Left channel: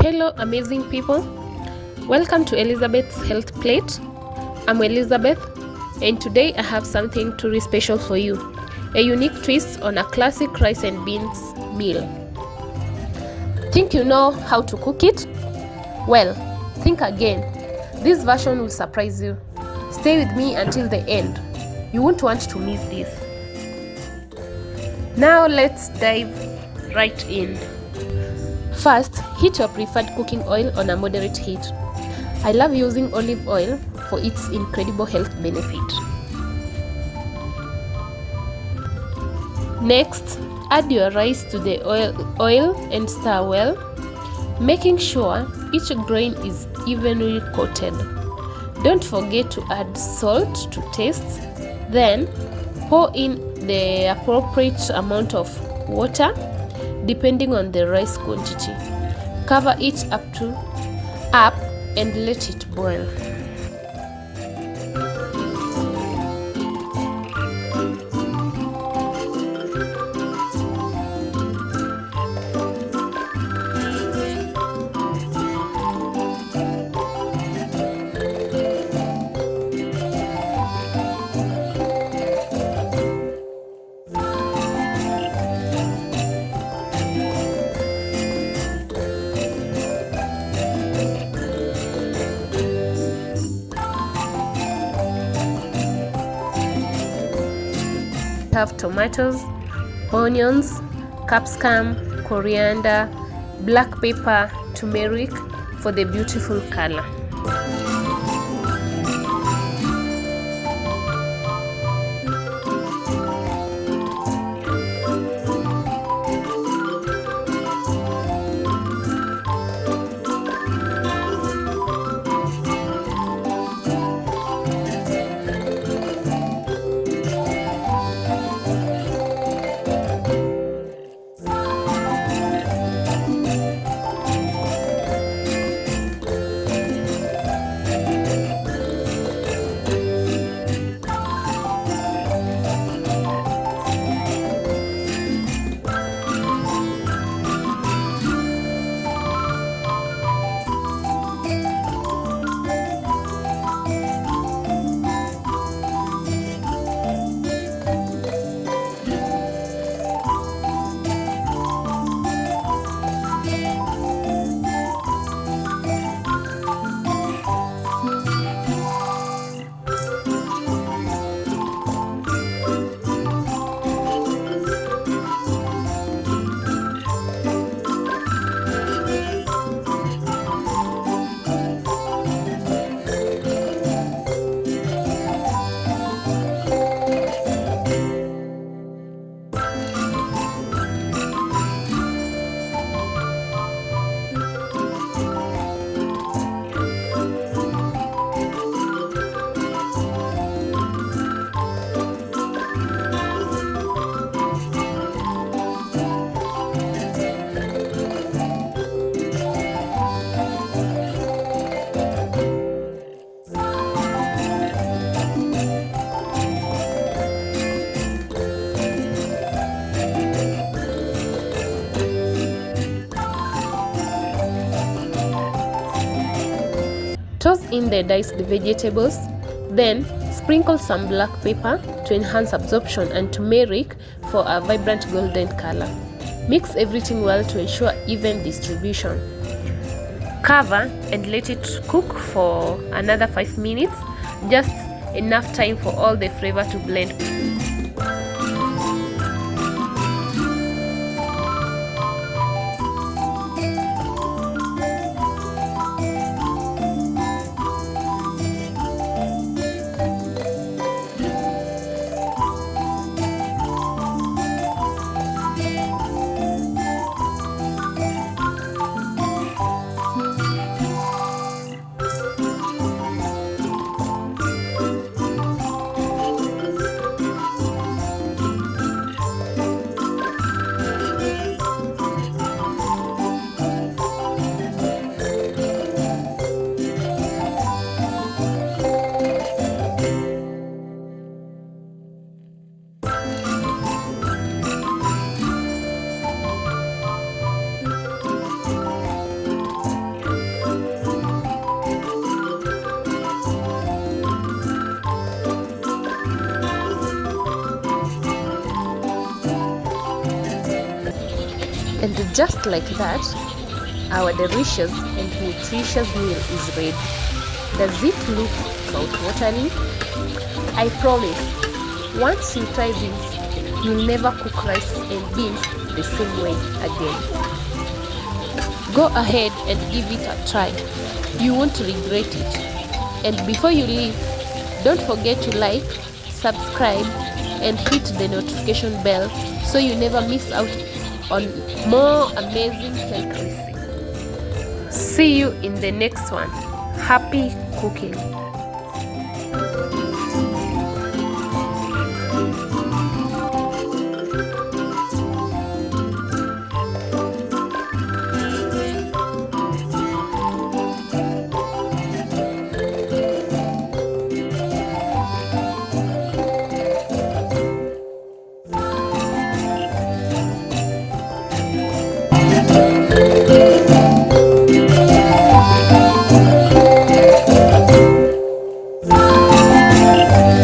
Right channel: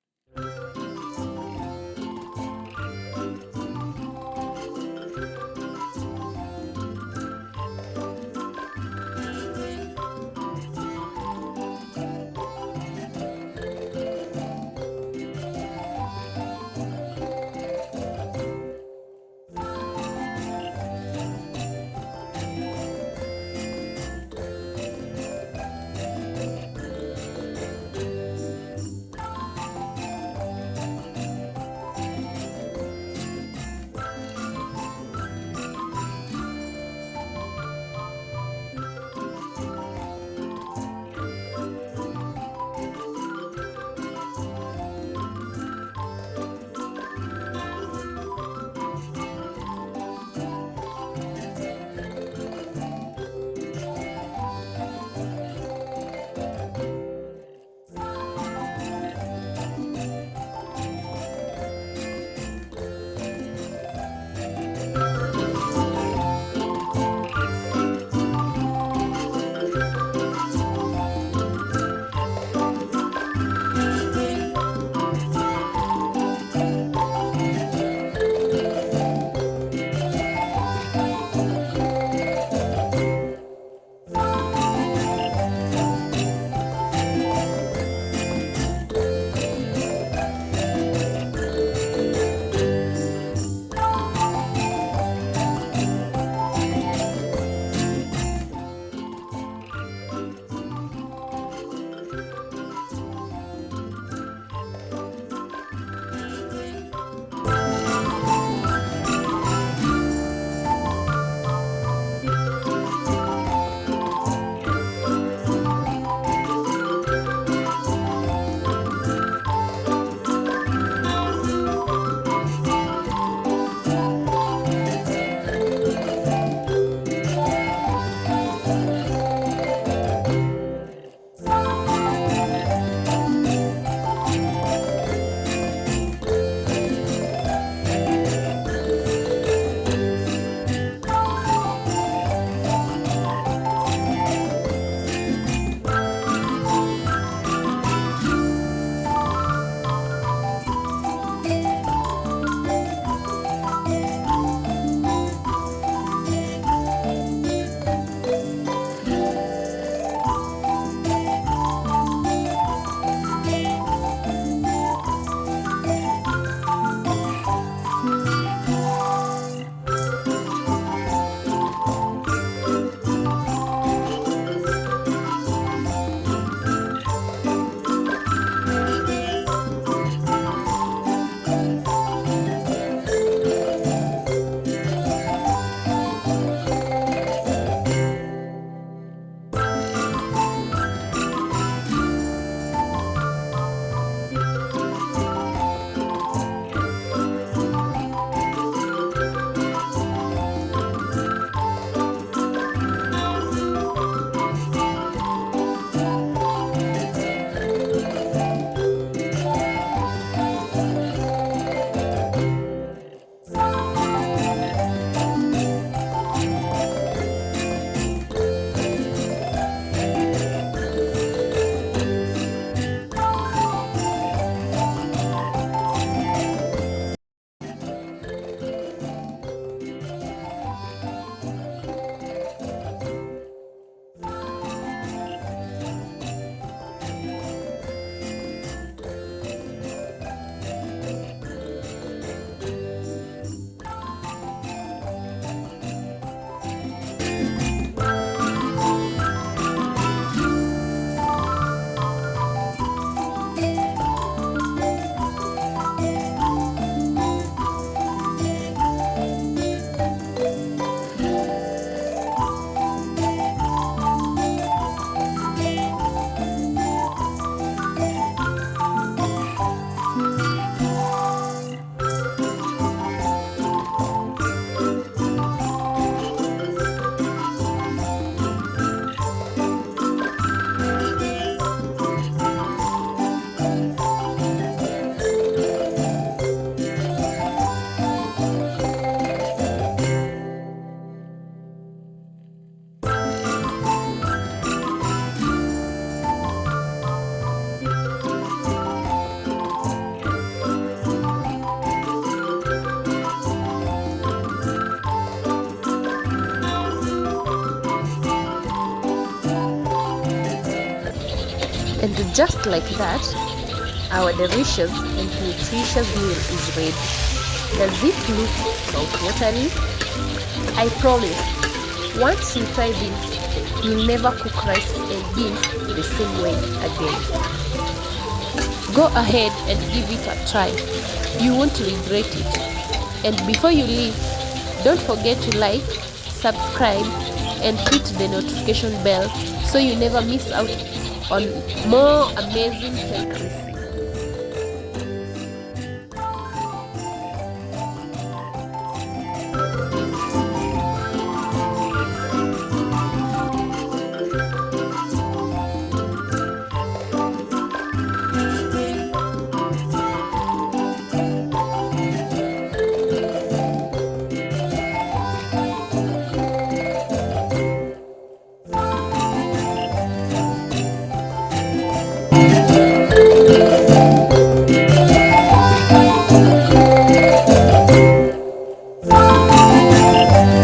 Hello, amazing people. Welcome to Elizabeth's Health Plate. I'm Elizabeth, and today I have something truly special for you, a unique twist on a classic rice and beans meal. Think you know how to cook it? Well, think again. This version will surprise you. Stay with me until the end. You won't want to miss this. Now let's dive right in. First, heat your preferred cooking oil on a moderate heat. I love using olive oil for its incredible health benefit. Next, add your rice to the oil and stir well, making sure each grain is evenly coated. Don't forget to add salt to taste, then pour in the appropriate amount of water depending on the rice quantity. Cover it up and let it boil. Have tomatoes, onions, capsicum, coriander, black pepper, turmeric for the beautiful color. Toss in the diced vegetables, then sprinkle some black pepper to enhance absorption and turmeric for a vibrant golden color. Mix everything well to ensure even distribution. Cover and let it cook for another 5 minutes, just enough time for all the flavor to blend. And just like that, our delicious and nutritious meal is ready. Does it look mouth-watering? I promise, once you try this, you'll never cook rice and beans the same way again. Go ahead and give it a try. You won't regret it. And before you leave, don't forget to like, subscribe, and hit the notification bell so you never miss out on more amazing health recipes. See you in the next one. Happy cooking!